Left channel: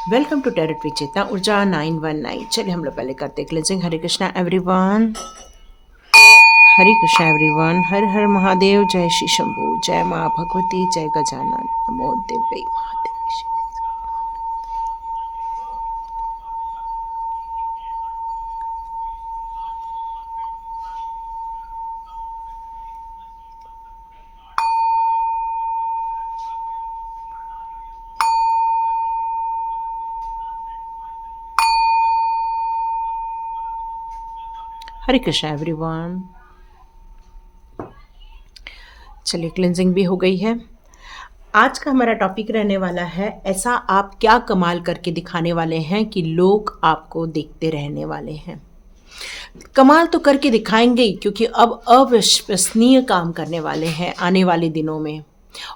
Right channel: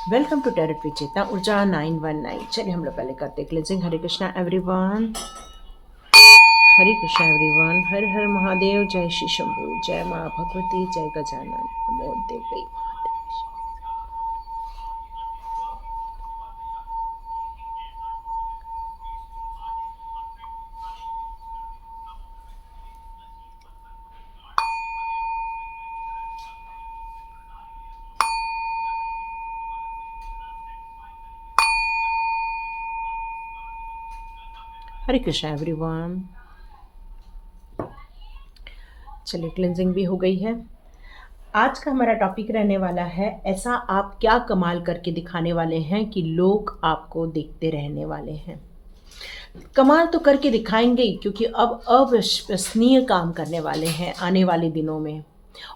Welcome to territory चेतना ऊर्जा 919। चलिए हम लोग पहले करते हैं क्लेंजिंग। हरे कृष्णा एवरीवन, हरे कृष्णा एवरीवन, हर हर महादेव, जय श्री शंभू, जय माँ भगवती, जय गजानन, नमो देवी महादेव। हरे कृष्णा एवरीवन। चलिए क्लेंजिंग भी हो गई है। आज का हमारा टॉपिक रहने वाला है, ऐसा आप क्या कमाल करके दिखाने वाले हैं कि लोग आपको देखते रहने वाले हैं। कमाल तो करके दिखाएंगे ही, क्योंकि अब अविश्वसनीय काम करने वाले हैं आने वाले दिनों में।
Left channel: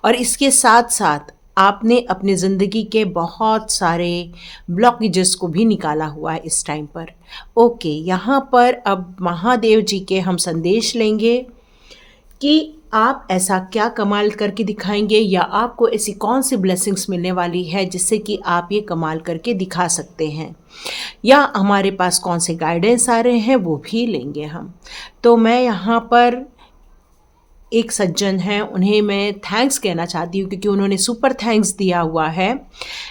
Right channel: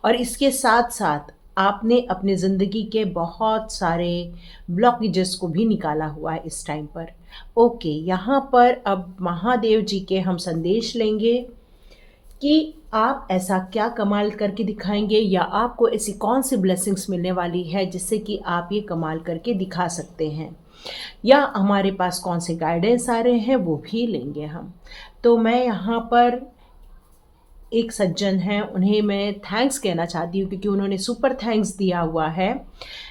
और इसके साथ साथ आपने अपनी ज़िंदगी के बहुत सारे ब्लॉकेजेस को भी निकाला हुआ है इस टाइम पर। ओके, यहाँ पर अब महादेव जी के हम संदेश लेंगे कि आप ऐसा क्या कमाल करके दिखाएंगे, या आपको ऐसी कौन सी ब्लेसिंग्स मिलने वाली है जिससे कि आप ये कमाल करके दिखा सकते हैं, या हमारे पास कौन से गाइडेंस आ रहे हैं वो भी लेंगे हम। तो मैं यहाँ पर एक सज्जन हैं, उन्हें मैं थैंक्स कहना चाहती हूँ क्योंकि उन्होंने सुपर थैंक्स दिया हुआ है।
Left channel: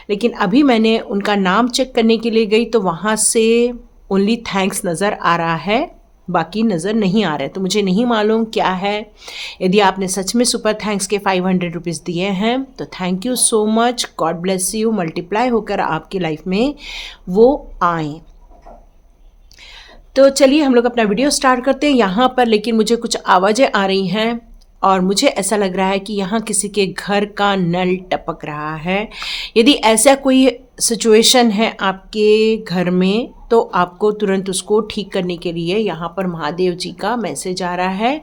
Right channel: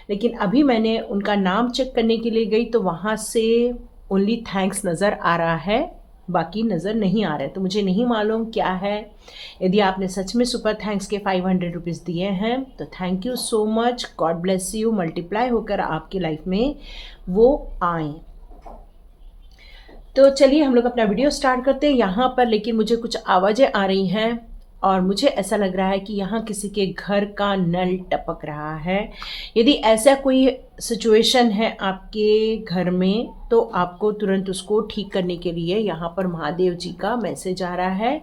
लेकिन अभी मैंने उनका नाम चेक करने के लिए गई तो वहाँ से ओनली थैंक्स नज़र आ रहा है, बाकी नज़र नहीं आ रहा है। तो मुझे नहीं मालूम क्या है। यदि आपने सच में सुपर थैंक्स के 500 रुपीज़ दिए हैं तो thank you so much, God bless you, multiply होकर आपकी लाइफ में वो आए। तो चलिए हम लोग अपना वीडियो स्टार्ट करते हैं। यहाँ पर लेकिन मुझे कुछ आवाज़ें आ रही हैं और मुझे ऐसा लग रहा है कि यहाँ किसी के घर का नल टपक रहा है। यदि ऐसा कोई सिचुएशन है आपके घर में तो आपको तुरंत उसको ठीक करने के लिए यहाँ पर महादेव जी का मैसेज आ रहा है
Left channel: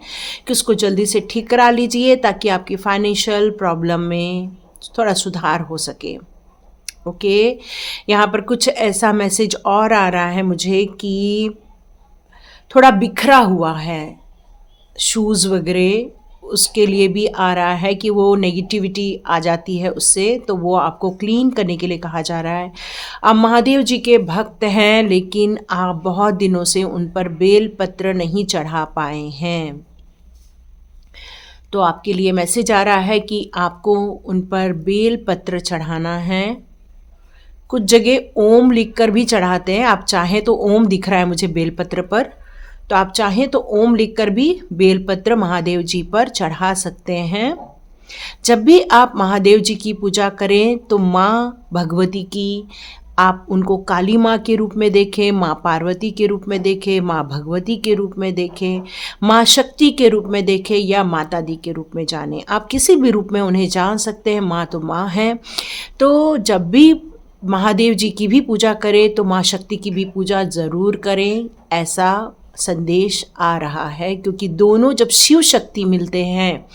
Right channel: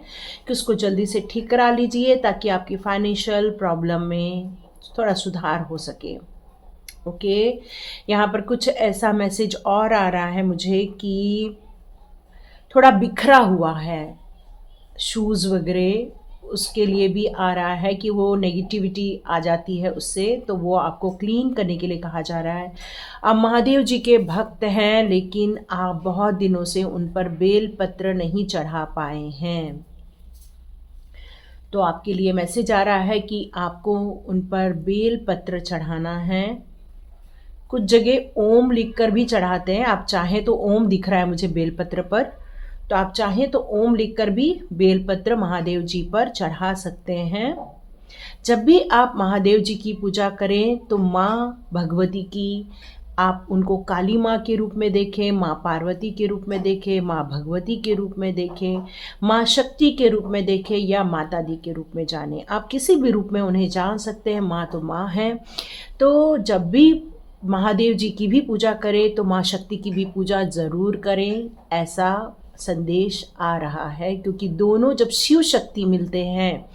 कि उसको जल्दी से ठीक करा लीजिए ताकि आपकी फाइनेंशियल प्रॉब्लम में थोड़ा सुधार हो सके। ओके, यहाँ पर कुछ ऐसा मैसेज और आ रहा है मुझे कि थोड़ा बिखरा हुआ है शूज़ वगैरह, उसके लिए भी आ रहा है कि वो नेगेटिविटी आ जाती है उससे, तो वो आपको क्लीन करने के लिए कहा जा रहा है। आप महादेव जी के भक्त हैं लेकिन आप बहुत दिनों से उन पर बेल पत्र नहीं चढ़ा पाए हैं, तो आपके लिए मैसेज आ रहा है कि आपको उन पर बेल पत्र चढ़ाना है। कुछ जगह ओम लिखकर भी चढ़ाते हैं, आप चाहें तो ओम दिख रहा है मुझे बेलपत्र पर, तो आप चाहें तो ओम लिखकर भी बेलपत्र महादेव जी पर चढ़ा सकते हैं। जब भी आप महादेव जी की पूजा करें तो माँ भगवती की आप उनको काली माँ के रूप में देखें, माँ पार्वती के रूप में देखें, माँ भगवती के रूप में देखें, माँ शक्ति के रूप में देखें, या माता दी के रूप में जानें। आप किसी भी रूप में उन्हें जान सकते हैं, माँ तो माँ है। तो जब भी महादेव जी की भी पूजा करें तो माँ शक्ति की भी पूजा ज़रूर करें, ऐसा संदेश आ रहा है। क्योंकि दोनों जब शिव शक्ति मिलते हैं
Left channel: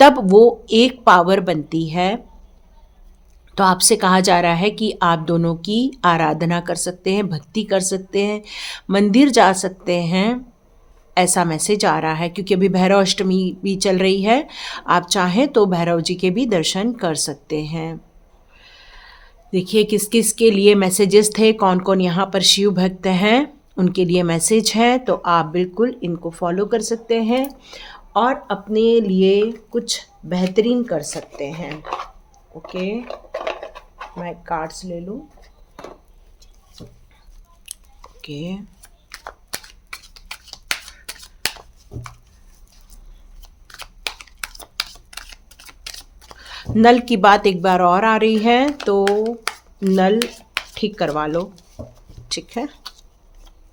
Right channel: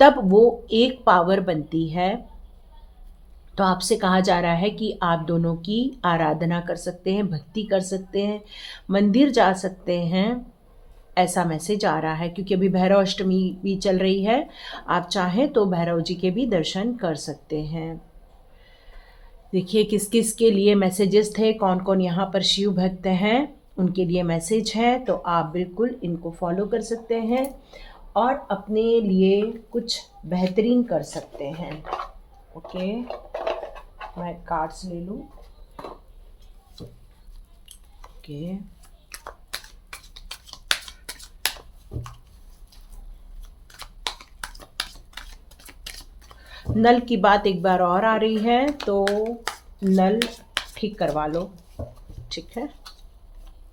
तब वो एक पावर बनती है। तो आपसे कहा जा रहा है कि आप दोनों की आराधना कर सकते हैं, भक्ति कर सकते हैं, मंदिर जा सकते हैं, ऐसा मैसेज आ रहा है। क्योंकि अभी भैरव अष्टमी भी चल रही है, आप चाहें तो भैरव जी के भी दर्शन कर सकते हैं। देखिए किस किस के लिए मैसेजेस थे, कौन कौन यहाँ पर शिव भक्त हैं उनके लिए मैसेज है। तो आप बिल्कुल इनको फॉलो कर सकते हैं और अपने लिए कुछ बेहतरीन कर सकते हैं। ओके, मैं कार्ड्स ले लूँ। ओके, नल की बात एक बार और आ रही है तो नल ठीक करवा लो, ठीक है।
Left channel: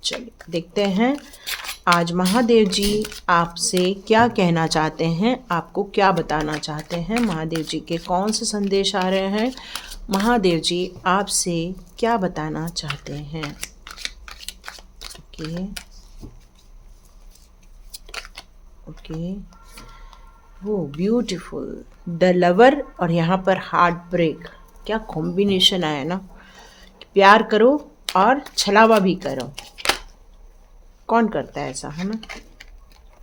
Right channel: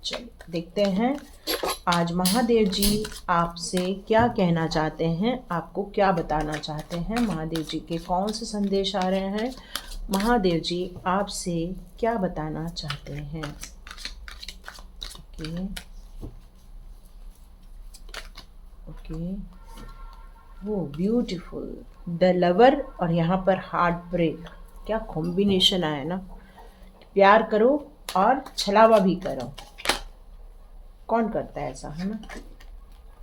चलिए देखते हैं आज महादेव जी आपसे क्या कहना चाहते हैं, आपको क्या बताना चाहते हैं। महादेव जी के कौन से संदेश आ रहे हैं, महादेव जी आपसे क्या बताना चाहते हैं। ओके ओके, वो ब्यूटीफुल, द लवर और यहाँ पर हार्ट ब्रेक, क्या कॉम्बिनेशन आया ना। प्यार करो और छलावा भी करो, कौन करता है ऐसा, है ना।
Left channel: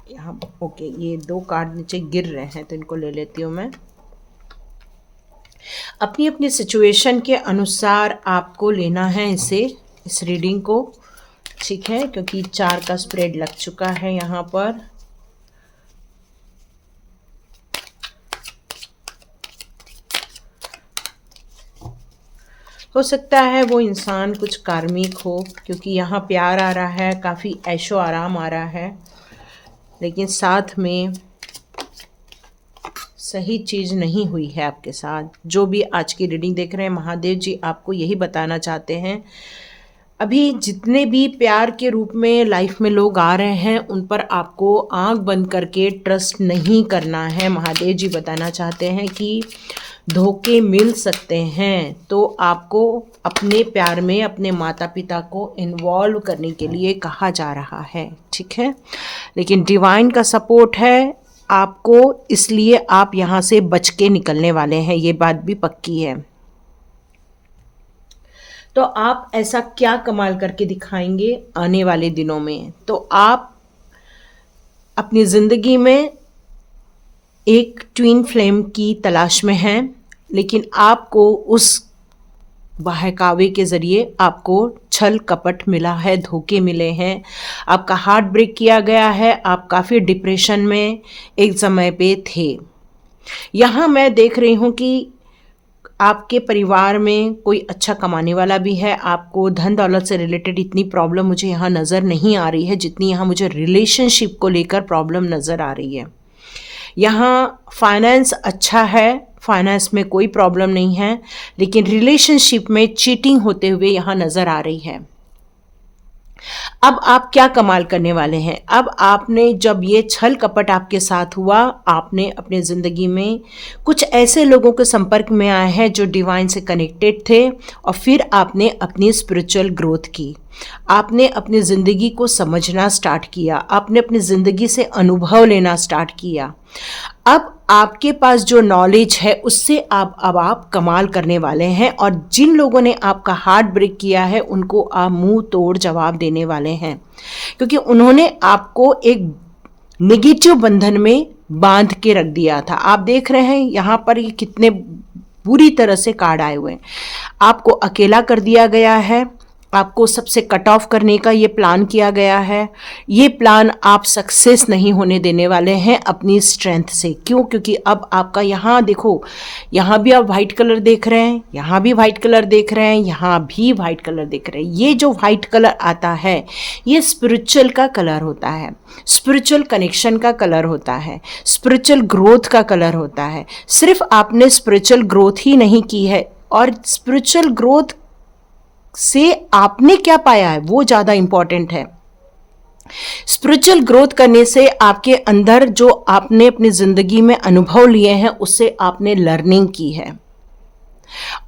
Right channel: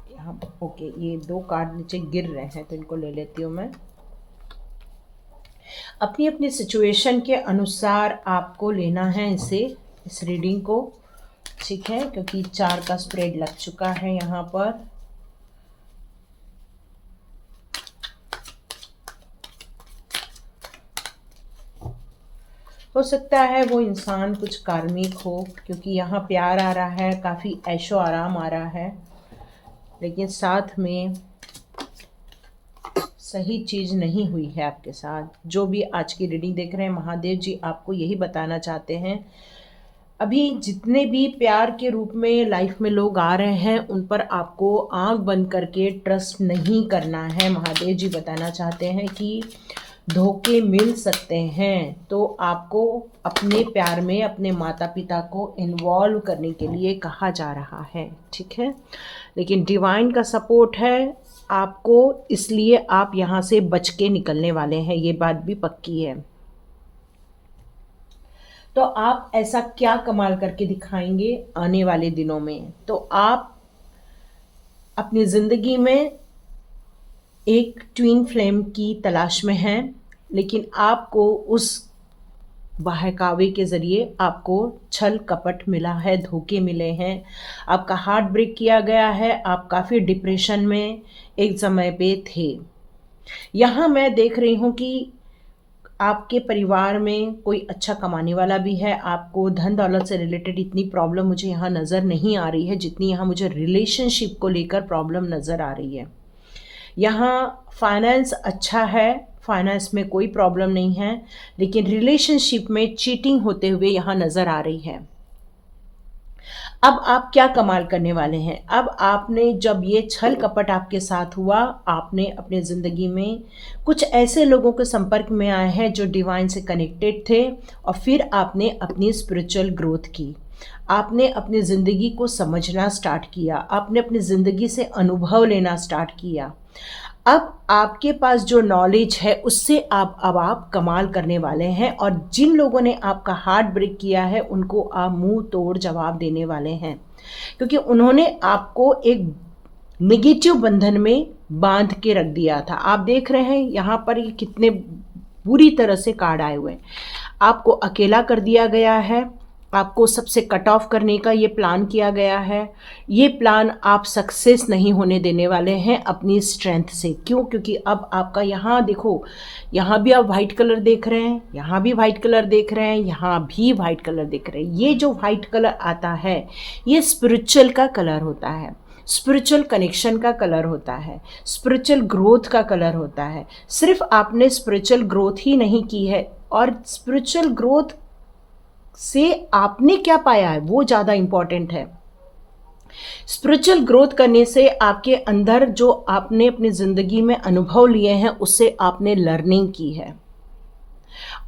यहाँ ओके, ये दो कार्ड नीचे गिर रहे हैं तो इनको ले लेती हूँ मैं। अपनी अपनी सिचुएशन के अनुसार आपको लेना है इस रीडिंग को, ठीक है, क्योंकि 4 का स्प्रेड लग चुका है यहाँ पर। हो सकता है वो इंसान कुछ कार्मिक हो, क्योंकि यहाँ प्यार आ रहा है, काफ़ी ऐशो आराम आ रहा है, लेकिन साथ में सही चीज़ नहीं हुई है आपके साथ। जो भी आज की रीडिंग देख रहे हैं, महादेव जी आपको यही बताना चाहते हैं, अभी जितने भी प्यार के रूप में लाइफ में लोग आ रहे हैं उन पर आपको आंख बंद करके ट्रस्ट नहीं करना है। महादेव जी बताना चाहते हैं कि धोखे मिल सकते हैं, तो आपको अपने प्यार में अपने माता पिता को इन्वॉल्व करने के लिए कहा जा रहा है, ठीक है। लेकिन डिवाइन का सपोर्ट है आपको, इसलिए आप यहाँ से बच के निकलने वाले हैं, ये बात भी पक्की है। तो आप ऐसा क्या कमाल करके दिखाएंगे आने वाले दिनों में? तो आप अपनी ज़िंदगी में एक ट्विन फ्लेम की तलाश में हैं, लेकिन आपको उस बहकावे के ज़रिए आपको छल कपट मिला है, धोखे मिले हैं, आपका हार्ट ब्रेक किया गया है, आप काफ़ी डिप्रेशन में एक समय पे थे। यहाँ मैं देख रही हूँ कि आपके परिवार में कोई अच्छा कमाने वाला भी है, आपको धन दौलत से रिलेटेड इतनी प्रॉब्लम मुझे यहाँ नज़र नहीं आ रही है जितनी यहाँ मुझे रिलेशनशिप को लेकर प्रॉब्लम नज़र आ रही है। यहाँ फाइनेंस अच्छा है, फाइनेंस में कोई प्रॉब्लम नहीं है, लेकिन रिलेशनशिप में चीटिंग होते हुए यहाँ नज़र आ रही है। अब आप क्या कमाल करने वाले हैं? अब आपने जब ये छल कपट आपके साथ हुआ, आपने अपने ज़िंदगी में कुछ ऐसे लोगों के संपर्क में आए हैं जो डिवाइन से कनेक्टेड थे, और फिर आपने अपनी स्पिरिचुअल ग्रोथ की, आपने अपनी ज़िंदगी को समझना स्टार्ट किया, आपने अपनी ज़िंदगी से अनुभव लेना स्टार्ट किया। अब आपके पास जो नॉलेज है उससे अब आप कमाल करने वाले हैं, और जिन लोगों ने आपका हार्ट ब्रेक किया है उनको आप मुंह तोड़ जवाब देने वाले हैं, क्योंकि उन्होंने आपको एक नेगेटिव बंधन में बांध के रख दिया था। आप देख रहे हैं यहाँ पर ये कितने बुरी तरह से कार्ड आए हुए हैं। आपको अकेला कर दिया गया है, आपको सबसे कट ऑफ करने का ये प्लान किया गया है। ये प्लान आप सक्सेस नहीं होने देने वाले हैं अपनी स्ट्रेंथ से। क्यों? क्योंकि अब आपका यहाँ देखो, यहाँ भी आप वाइट कलर देख रहे हैं, यहाँ भी वाइट कलर देख रहे हैं, यहाँ भी वाइट कलर देख रहे हैं। ये जो वाइट कलर आता है ये स्पिरिचुअल का कलर होता है, स्पिरिचुअल कनेक्शन का कलर होता है, स्पिरिचुअल ग्रोथ का कलर होता है। सिर्फ आपने स्पिरिचुअल ग्रोथ ही नहीं की है, और स्पिरिचुअल ग्रोथ से आपने क्या पाया है वो ज़्यादा इंपॉर्टेंट है। स्पिरिचुअल ग्रोथ करने से आपके अंदर जो आपने अपनी ज़िंदगी में अनुभव लिए हैं उससे आपने लर्निंग की है,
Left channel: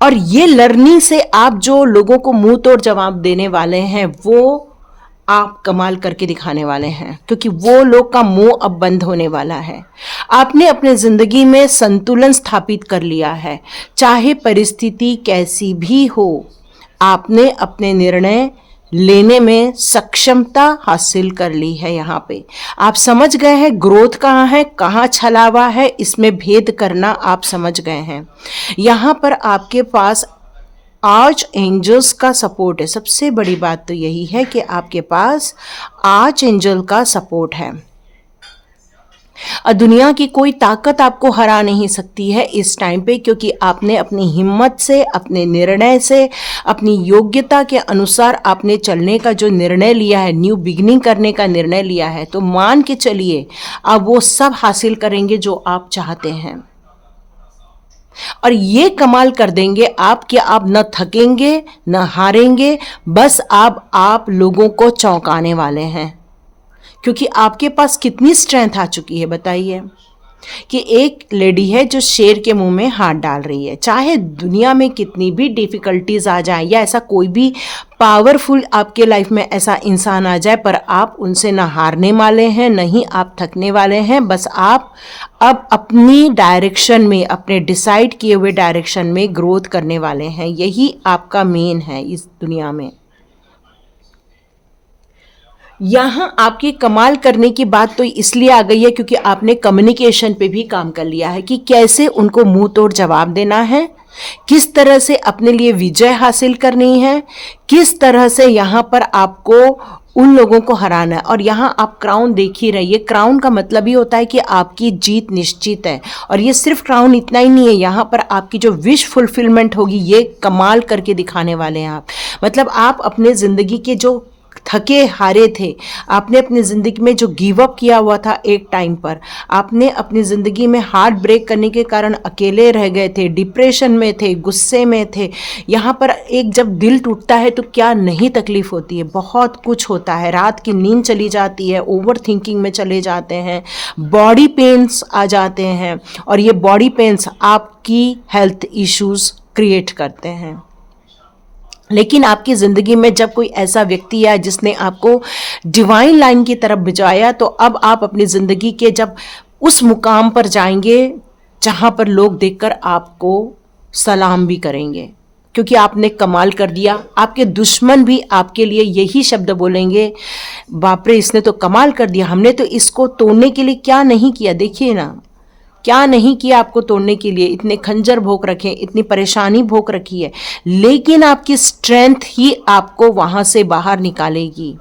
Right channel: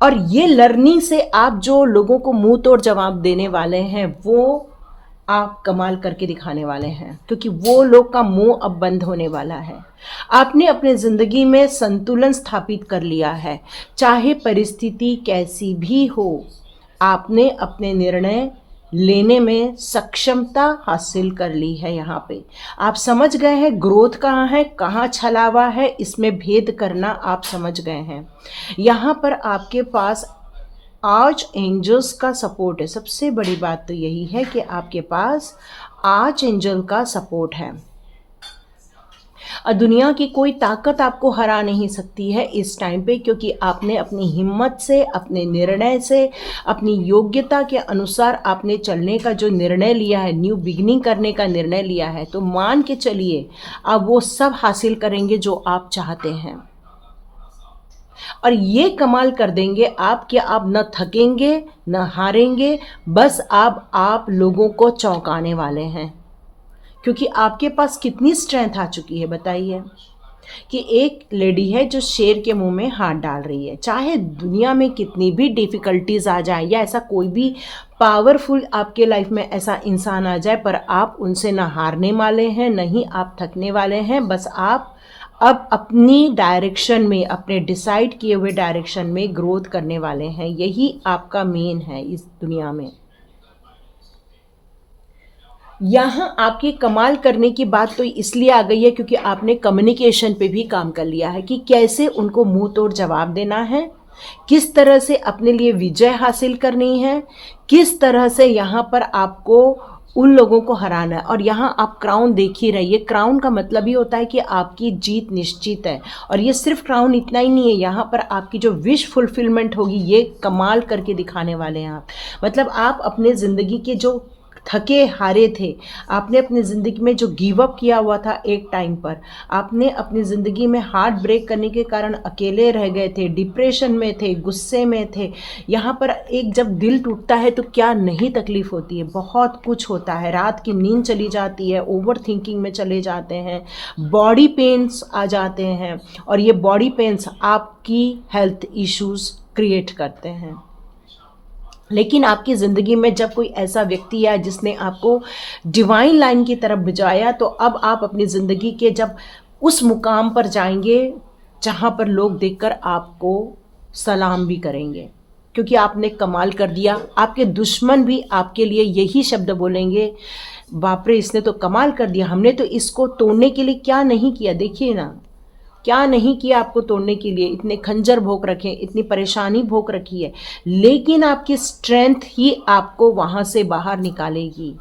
और ये लर्निंग से आप जो लोगों को मुंह तोड़ जवाब देने वाले हैं वो आप कमाल करके दिखाने वाले हैं, क्योंकि वो लोग का मुंह अब बंद होने वाला है। आपने अपने ज़िंदगी में संतुलन स्थापित कर लिया है, चाहे परिस्थिति कैसी भी हो। आपने अपने निर्णय लेने में सक्षमता हासिल कर ली है। यहाँ पे आप समझ गए हैं ग्रोथ कहाँ है, कहाँ छलावा है, इसमें भेद करना आप समझ गए हैं। यहाँ पर आपके पास आर्च एंजल्स का सपोर्ट है। सबसे बड़ी बात तो यही है कि आपके पास आर्च एंजल का सपोर्ट है, और दुनिया की कोई ताकत आपको हरा नहीं सकती है इस टाइम पे, क्योंकि आपने अपनी हिम्मत से, अपने निर्णय से, अपनी योग्यता के अनुसार आपने चलने का जो निर्णय लिया है, न्यू बिगिनिंग करने का निर्णय लिया है, तो मान के चलिए आप वो सब हासिल करेंगे जो आप चाहते हैं, और ये कमाल कर देंगे आप कि आप न थकेंगे न हारेंगे, बस आप लोगों को चौंकाने वाले हैं। क्योंकि आपके पास कितनी स्ट्रेंथ आ चुकी है बताइए, कि एक लेडी है जो शेर के मुंह में हाथ डाल रही है। चाहे दुनिया में कितनी भी डिफ़िकल्टीज आ जाए, या ऐसा कोई भी पावरफुल आपके लाइफ में ऐसा इंसान आ जाए, पर आप उनसे ना हारने वाले हैं, नहीं आप थकने वाले हैं। बस आप अब अपनी डायरेक्शन में, अपने डिसाइड किए हुए डायरेक्शन में ग्रोथ करने वाले हैं। यही आपका मेन है इस दुनिया में। यहाँ आपकी कमाल करने की बात तो इसलिए आ गई है क्योंकि आपने कम्युनिकेशन पे भी काम कर लिया है, कि कैसे उनको मुंह तोड़ जवाब देना है, किस तरह से अपने लिए विजय हासिल करनी है, किस तरह से यहाँ पर आपको उन लोगों को हराना है। और यहाँ आप क्राउन देख ही रहिए, क्राउन का मतलब ही होता है कि आपकी जीत निश्चित है। और ये सिर्फ क्राउन इतना ही नहीं है, यहाँ पर आपकी जो विश फुलफिलमेंट होगी ये कमाल करके दिखाने वाले हैं आप। मतलब आप अपने ज़िंदगी के जो थके हारे थे, आपने अपनी ज़िंदगी में जो गिव अप किया हुआ था एक टाइम पर, आपने अपनी ज़िंदगी में हार्ट ब्रेक करने के कारण अकेले रह गए थे, डिप्रेशन में थे, गुस्से में थे। यहाँ पर एक जब दिल टूटता है तो क्या नहीं तकलीफ़ होती है, बहुत कुछ होता है। रात की नींद चली जाती है, ओवर थिंकिंग में चले जाते हैं, बॉडी पेन्स आ जाते हैं, और ये बॉडी पेन्स आपकी हेल्थ इश्यूज़ क्रिएट करते हैं। लेकिन आपकी ज़िंदगी में जब कोई ऐसा व्यक्ति आया जिसने आपको डिवाइन लाइन की तरफ भिजवाया, तो अब आप अपनी ज़िंदगी के जब उस मुकाम पर जाएंगे जहाँ पर लोग देखकर आपको सलाम भी करेंगे, क्योंकि आपने कमाल कर दिया। आपके दुश्मन भी आपके लिए यही शब्द बोलेंगे, बाप रे इसने तो कमाल कर दिया, हमने तो इसको तोड़ने के लिए क्या नहीं किया, देखिए ना क्या नहीं किया आपको तोड़ने के लिए। इतने खंजर भोंक रखे, इतनी परेशानी भोंक रखी है, लेकिन आपकी स्ट्रेंथ ही आपको वहां से बाहर निकालेगी।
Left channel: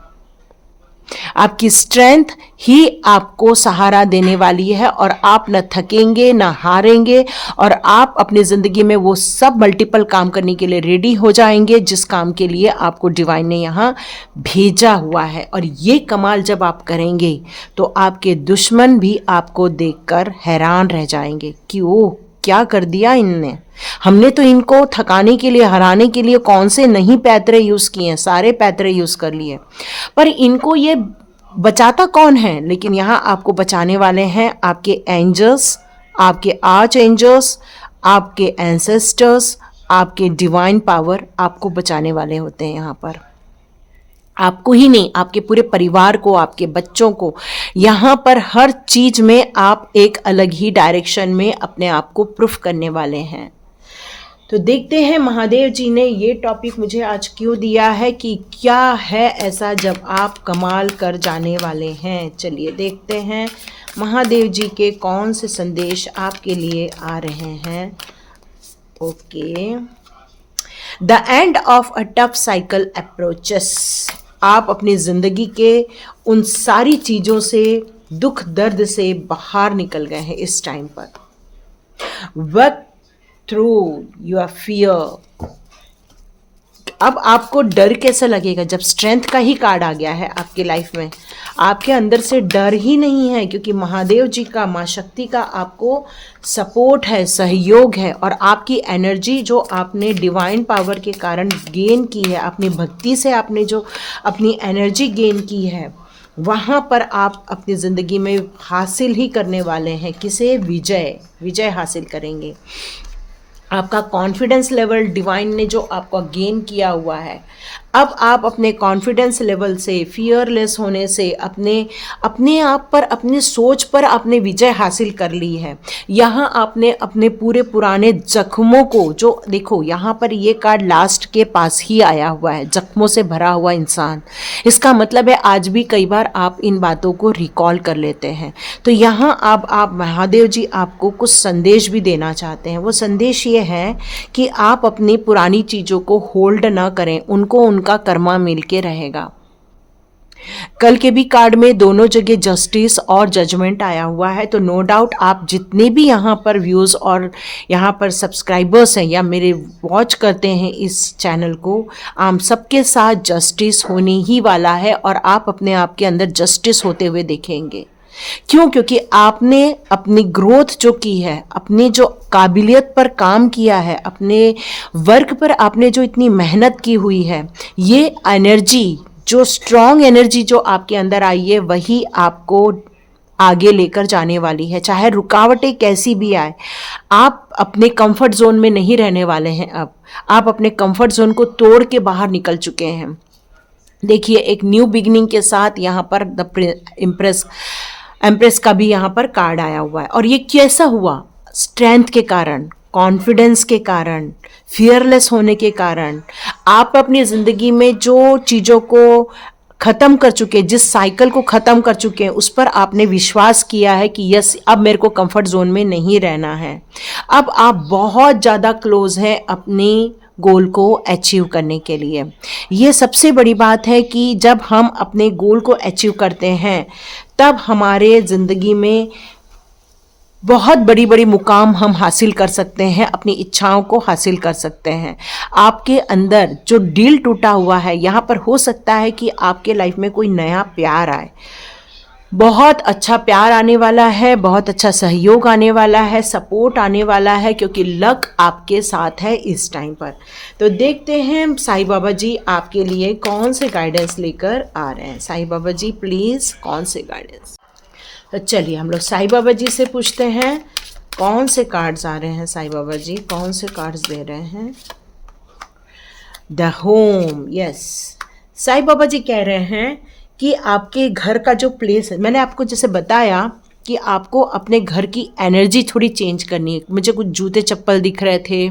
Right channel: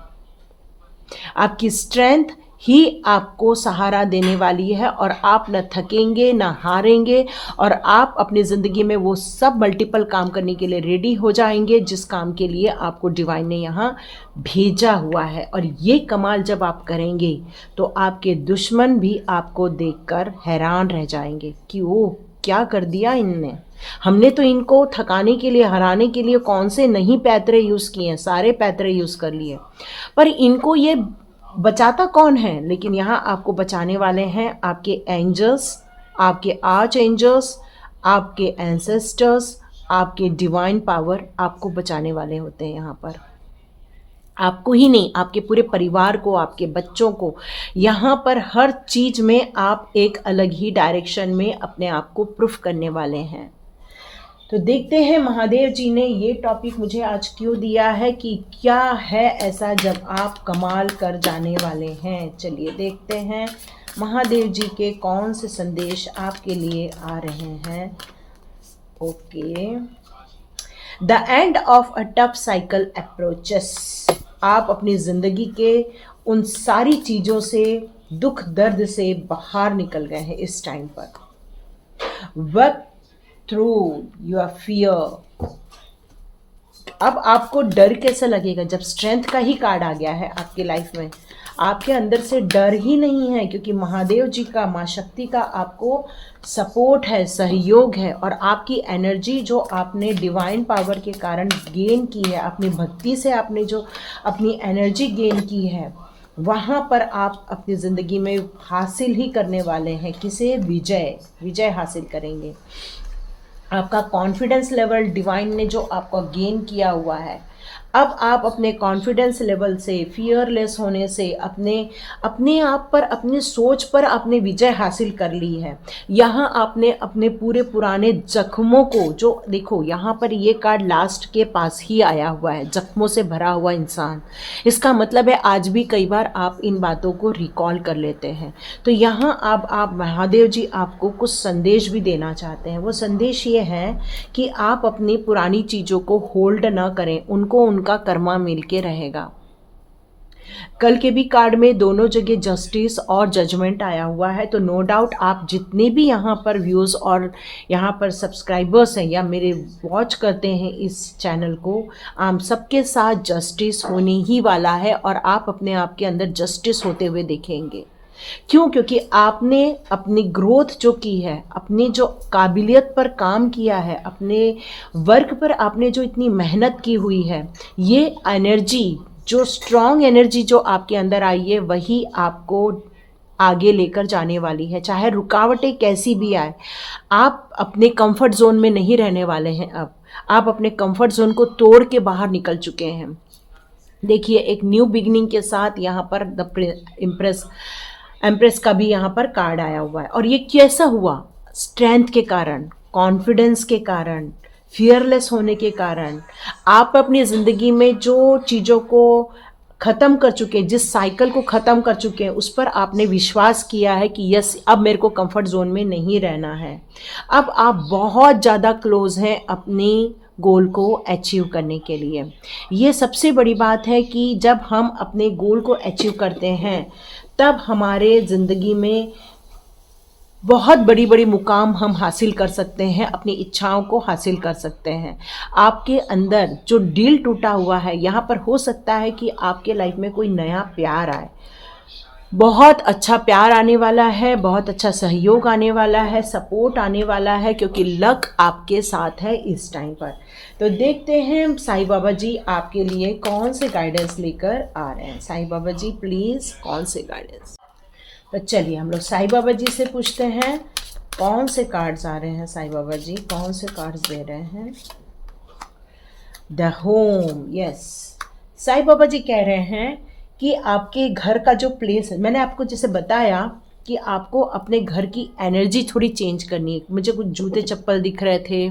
आपकी स्ट्रेंथ ही आपको सहारा देने वाली है, और आप न थकेंगे न हारेंगे, और आप अपनी ज़िंदगी में वो सब मल्टीपल काम करने के लिए रेडी हो जाएंगे जिस काम के लिए आपको डिवाइन ने यहाँ भेजा हुआ है। और ये कमाल जब आप करेंगे तो आपके दुश्मन भी आपको देखकर हैरान रह जाएंगे कि ओह क्या कर दिया इनने, हमने तो इनको थकाने के लिए, हराने के लिए कौन से नहीं पैतरे यूज़ किए हैं, सारे पैतरे यूज़ कर लिए, पर इनको ये बचाता कौन है। लेकिन यहाँ आपको बचाने वाले हैं आपके एंजल्स, आपके आर्च एंजल्स, आपके एंसेस्टर्स, आपके डिवाइन पावर आपको बचाने वाले होते हैं। यहाँ पर आपको ही नहीं, आपके पूरे परिवार को, आपके बच्चों को, यहाँ पर हर चीज़ में आप एक अलग ही डायरेक्शन में अपने आप को प्रूफ करने वाले हैं। तो देखते हैं महादेव जी ने ये टॉपिक मुझे आज क्यों दिया है, कि क्या है ऐसा जब आप कमाल कर जाने वाले हैं। चलिए देखते हैं महादेव जी के कौन से संदेश आपके लिए आ रहे हैं। Okay, the end of a tough cycle approaches. आप अपनी ज़िंदगी के उन सारी चीज़ों से, दुख दर्द से बाहर निकल गए हैं इस टाइम पर। Work through your fear. अब आपको डर कैसा लगेगा जब स्ट्रेंथ का ही कार्ड आ गया है आपकी लाइफ में। आपके अंदर से डर ही नहीं है, क्योंकि महादेव जी का, माँ शक्ति का आपको सपोर्ट है, सहयोग है, और आपकी एनर्जी जो आपने डिवाइन पावर के कारण गेन की है, अपनी भक्ति से आपने जो अपनी एनर्जी गेन की है, वहाँ पर आप अपनी ज़िंदगी में हासिल ही करने वाले हैं। किसे? विजय हासिल करेंगे। आपका कॉन्फिडेंस लेवल डिवाइन ने जो आपका गेन किया हुआ है, अब आप अपने कॉन्फिडेंस लेवल से, फियरलेस होने से, अपने आप पर, अपनी सोच पर आपने विजय हासिल कर ली है। यहाँ आपने अपने पूरे पुराने जख्मों को, जो देखो यहाँ पर ये कार्ड लास्ट के पास ही आया हुआ है, जख्मों से भरा हुआ इंसान। इसका मतलब है आज भी कई बार आप इन बातों को रिकॉल कर लेते हैं। तो यहाँ आप महादेव जी आपको कुछ संदेश भी देना चाहते हैं। वो संदेश ये है कि आप अपनी पुरानी चीज़ों को होल्ड ना करें, उनको उनका कर्मा मिल के रहेगा। कल के भी कार्ड में दोनों जगह जस्टिस और जजमेंट आया हुआ है। तो नो डाउट आप जितने भी यहाँ पर व्यूज़ और यहाँ पर सब्सक्राइबर्स हैं या मेरे वॉच करते हैं इस चैनल को, आप सबके साथ जस्टिस होने ही वाला है, और आप अपने आप के अंदर जस्टिस होते हुए देखेंगे। क्यों? क्योंकि आपने अपनी ग्रोथ जो की है, अपनी जो काबिलियत पर काम किया है, अपने वर्क पर आपने जो इतनी मेहनत की हुई है, ये एनर्जी, जो स्ट्रॉन्ग एनर्जी जो आपके अंदर आई है, वही आपको आगे लेकर जाने वाली है। चाहे रुकावटें कैसी भी आए, आप अपने कंफर्ट जोन में नहीं रहने वाले हैं। अब आप अपने कंफर्ट जोन को तोड़ के बाहर निकल चुके हैं। देखिए, एक न्यू बिगिनिंग के साथ यहाँ पर द एम्प्रेस का भी यहाँ पर कार्ड आया हुआ है। और ये कैसा हुआ? स्ट्रेंथ के कारण, कॉन्फिडेंस के कारण, फियरलेस होने के कारण। आप अपनी ज़िंदगी में जो चीज़ों को ख़त्म कर चुके हैं, जिस साइकिल को ख़त्म कर चुके हैं, उस पर आपने विश्वास किया है कि यस अब मेरे को कंफर्ट जोन में नहीं रहना है। अब आप बहुत ज़्यादा क्लोज हैं अपनी गोल को अचीव करने के लिए। ये सबसे बड़ी बात है कि जब हम अपने गोल को अचीव करते हैं तब हमारे ज़िंदगी में बहुत बड़ी बड़ी मुकाम हम हासिल कर सकते हैं, अपनी इच्छाओं को हासिल कर सकते हैं। आपके अंदर जो दिल टूटा हुआ है, यहाँ पर हो सकता है कि आपके लाइफ में कोई नया प्यार आए, बहुत अच्छा प्यार आने वाला है, बहुत अच्छा सहयोग आने वाला है, सपोर्ट आने वाला है, क्योंकि लक आपके साथ है इस टाइम पर। तो देखते हैं साईं बाबा जी आपके लिए कौन से गाइडेंस लेकर आ रहे हैं। साईं बाबा जी प्लीज़ कौन से गाइडेंस। तो चलिए हम लोग साईं बाबा जी से पूछते हैं कौन से कार्ड्स आ रहे हैं। साईं बाबा जी कौन से कार्ड्स दे रहे हैं। The home, yes. Sai Baba ji कह रहे हैं कि आपके घर का जो प्लेस है, मैंने आपको जैसे बताया कि आपको अपने घर की एनर्जी थोड़ी चेंज करनी है। मुझे कुछ जूते चप्पल दिख रहे थे,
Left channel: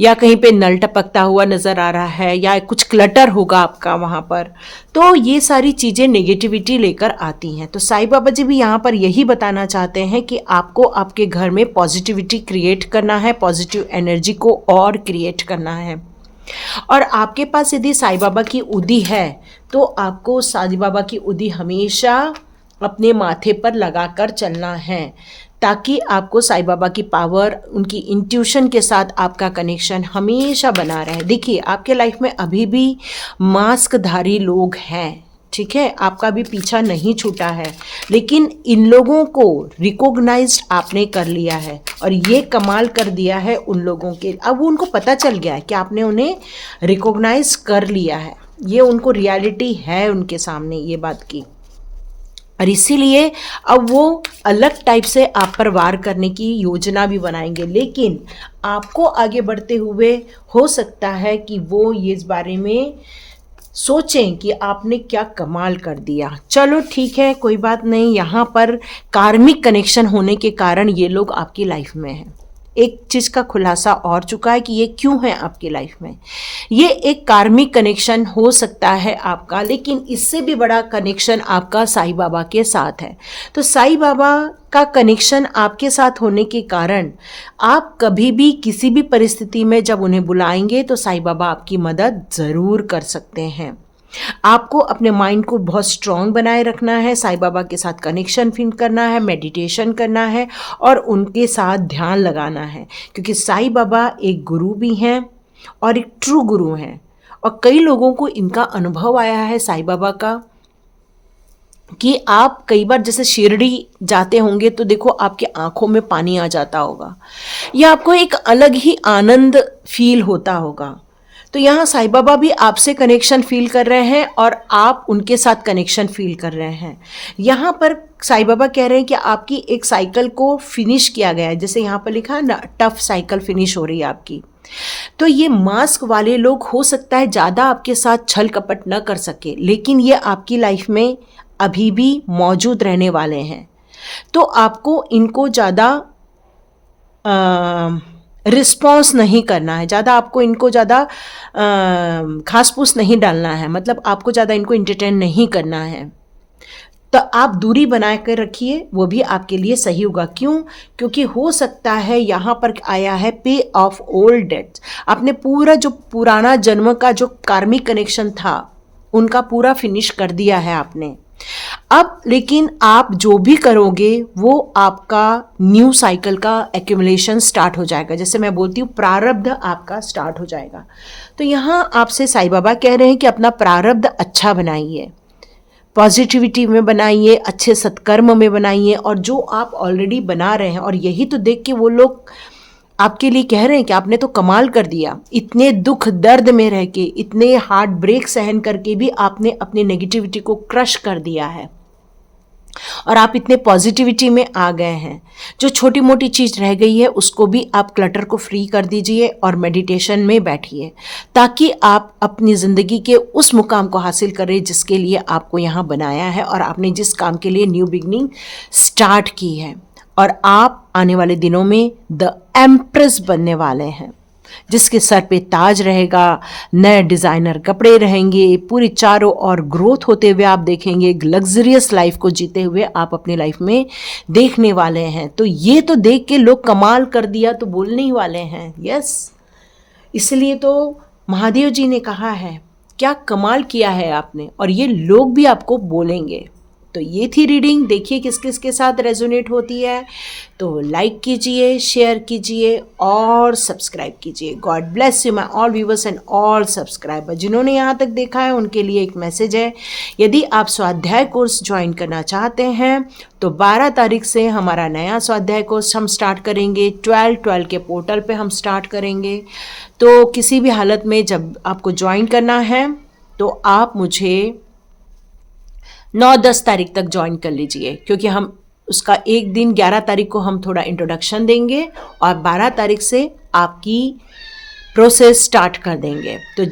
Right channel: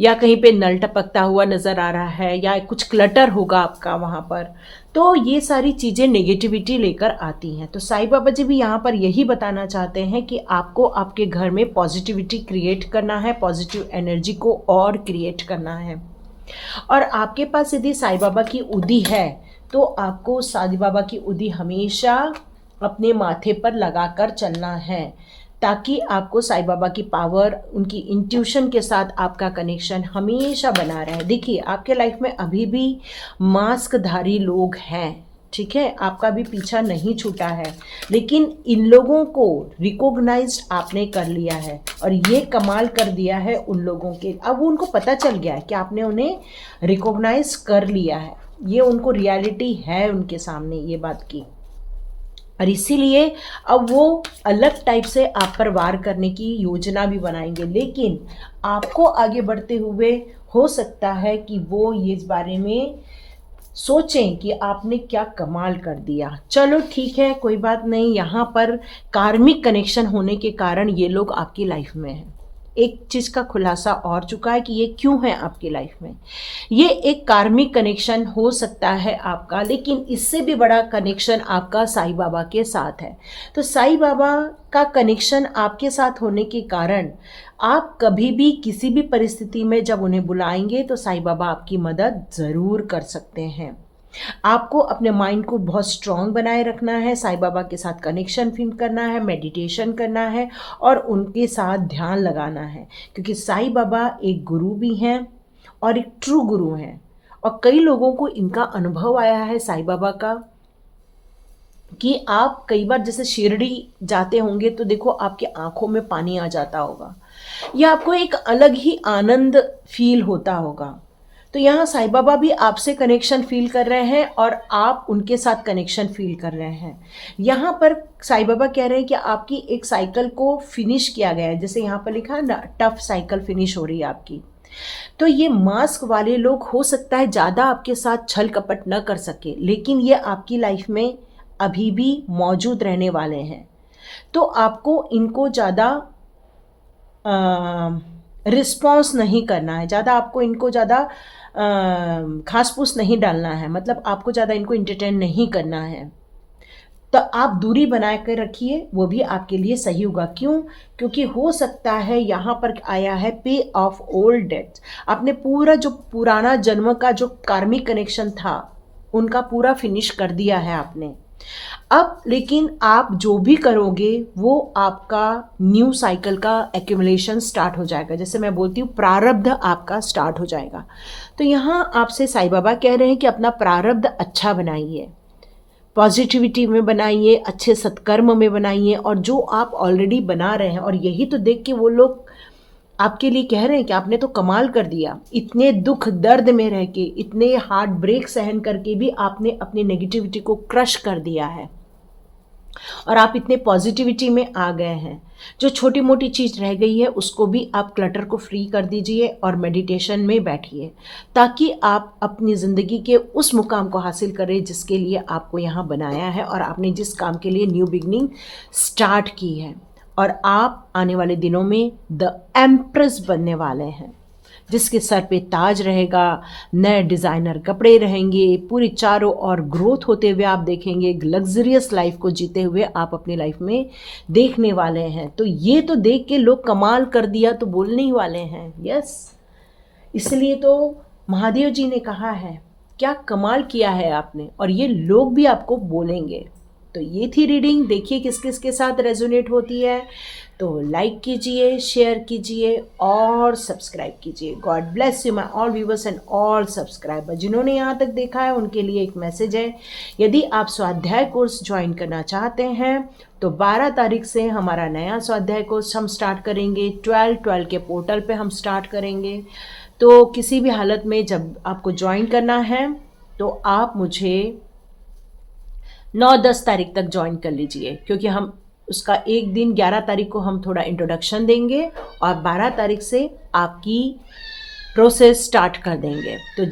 या कहीं पे नल टपकता हुआ नज़र आ रहा है, या कुछ क्लटर होगा आपका वहाँ पर। तो ये सारी चीज़ें नेगेटिविटी लेकर आती हैं। तो साईं बाबा जी भी यहाँ पर यही बताना चाहते हैं कि आपको आपके घर में पॉजिटिविटी क्रिएट करना है, पॉजिटिव एनर्जी को और क्रिएट करना है। और आपके पास यदि साईं बाबा की उदी है तो आपको साईं बाबा की उदी हमेशा अपने माथे पर लगाकर चलना है, ताकि आपको साईं बाबा की पावर, उनकी इंट्यूशन के साथ आपका कनेक्शन हमेशा बना रहे। देखिए आपके लाइफ में अभी भी मास्कधारी लोग हैं, ठीक है, आपका भी पीछा नहीं छूटा है, लेकिन इन लोगों को रिकॉग्नाइज्ड आपने कर लिया है और ये कमाल कर दिया है उन लोगों के। अब उनको पता चल गया है कि आपने उन्हें रिकॉग्नाइज कर लिया है, ये उनको रियलिटी है उनके सामने ये बात की, और इसीलिए अब वो अलग टाइप से आप पर वार करने की योजना भी बनाएंगे। लेकिन आपको आगे बढ़ते हुए हो सकता है कि वो ये इस बारे में सोचें कि आपने क्या कमाल कर दिया। चलो ठीक है, कोई बात नहीं। यहाँ पर कार्मिक कनेक्शन होने के कारण ये लोग आपकी लाइफ में हैं। एक चीज़ का खुलासा और चुका है कि ये क्यों है आपकी लाइफ में। ये एक कार्मिक कनेक्शन हो सकता है आपका, लेकिन इससे भी बड़ा कनेक्शन आपका साईं बाबा के साथ है। तो साईं बाबा का कनेक्शन आपके साथ होने के कारण आप कभी भी किसी भी परिस्थिति में जब उन्हें बुलाएंगे तो साईं बाबा आपकी मदद ज़रूर कर सकते हैं। आपको अपने माइंड को बहुत स्ट्रॉन्ग बनाए रखना है, साईं बाबा के साथ कनेक्शन फील करना है, मेडिटेशन करना है और उनके साथ ध्यान लगाना है, क्योंकि साईं बाबा एक गुरु भी हैं और एक ट्रू गुरु हैं। और कई लोगों को इनका अनुभव आया है साईं बाबा का कि आप कई बार जैसे शिरडी जाते होंगे तो देखो आपकी आंखों में पानी आ जाता होगा, या आपको एक अलग ही आनंद फील होता होगा। तो यहाँ साईं बाबा भी आपसे कनेक्शन फील कर रहे हैं और आप उनके साथ कनेक्शन फील कर रहे हैं। यहाँ पर साईं बाबा कह रहे हैं कि आपकी एक साइकिल को फिनिश किया गया है, जैसे यहाँ पर लिखा है ना, टफ साइकिल फिनिश हो रही है आपकी। तो ये मास्क वाले लोग हो सकता है ज़्यादा आपके साथ छल कपट न कर सके, लेकिन ये आपकी लाइफ में अभी भी मौजूद रहने वाले हैं। तो आपको इनको ज़्यादा रिस्पॉन्स नहीं करना है, ज़्यादा आपको इनको ज़्यादा घास फूस नहीं डालना है, मतलब आपको ज़्यादा इनको इंटरटेन नहीं करना है। तो आप दूरी बना कर रखिए, वो भी आपके लिए सही होगा। क्यों? क्योंकि हो सकता है यहाँ पर आया है पे ऑफ ओल्ड डेट्स। आपने पूरा जो पुराना जन्म का जो कार्मिक कनेक्शन था उनका पूरा फिनिश कर दिया है आपने। अब लेकिन आप जो भी करोगे वो आपका न्यू साइकिल का एक्यूमुलेशन स्टार्ट हो जाएगा। जैसे मैं बोलती हूँ प्रारब्ध आपका स्टार्ट हो जाएगा। तो यहाँ आपसे साईं बाबा कह रहे हैं कि अपना प्रारब्ध अच्छा बनाइए, पॉजिटिविटी में बनाइए, अच्छे सत्कर्म में बनाइए, और जो आप ऑलरेडी बना रहे हैं। और यही तो देख के वो लोग आपके लिए कह रहे हैं कि आपने तो कमाल कर दिया। इतने दुख दर्द में रह के, इतने हार्ट ब्रेक सहन करके भी आपने अपनी नेगेटिविटी को क्रश कर दिया है और आप इतने पॉजिटिविटी में आ गए हैं। जो छोटी मोटी चीज़ रह गई है उसको भी आप क्लटर को फ्री कर दीजिए और मेडिटेशन में बैठिए, ताकि आप अपनी ज़िंदगी के उस मुकाम को हासिल करें जिसके लिए आपको यहाँ बनाया है और आपने जिस काम के लिए न्यू बिगनिंग स्टार्ट की है। और आप आने वाले दिनों में द एम्प्रेस बनने वाले हैं। जिसके सर पे ताज रहेगा, नए डिज़ाइनर कपड़े रहेंगे, पूरी चारों ओर ग्रोथ होते हुए आप देखेंगे, एक लग्जरियस लाइफ को जीते हुए आप अपनी लाइफ में देखने वाले हैं। तो ये तो देख के लोग कमाल कर दिया तो बोलने ही वाले हैं। यस, इसलिए तो महादेव जी ने कहा है क्या कमाल किया है आपने, और ये लोग भी आपको बोलेंगे। तो ये थी रीडिंग, देखिए किस किस के साथ रेजोनेट होती है। तो लाइक कीजिए, शेयर कीजिए और सब्सक्राइब कीजिए। God bless you my all viewers and all subscriber. जिन्होंने यहाँ तक देखा है उनके लिए एक मैसेज है, यदि आप स्वाध्याय कोर्स ज्वाइन करना चाहते हैं तो 12 तारीख से हमारा नया स्वाध्याय कोर्स हम स्टार्ट करेंगे। 12 के पोर्टल पे हम स्टार्ट करेंगे। तो किसी भी हालत में जब आपको ज्वाइन करना है तो आप मुझे 9-10 तारीख तक ज्वाइन कर लीजिए, क्योंकि हम उसका एक दिन 11 तारीख को हम थोड़ा इंट्रोडक्शन देंगे और 12 तारीख से आपकी प्रोसेस स्टार्ट कर देंगे। तो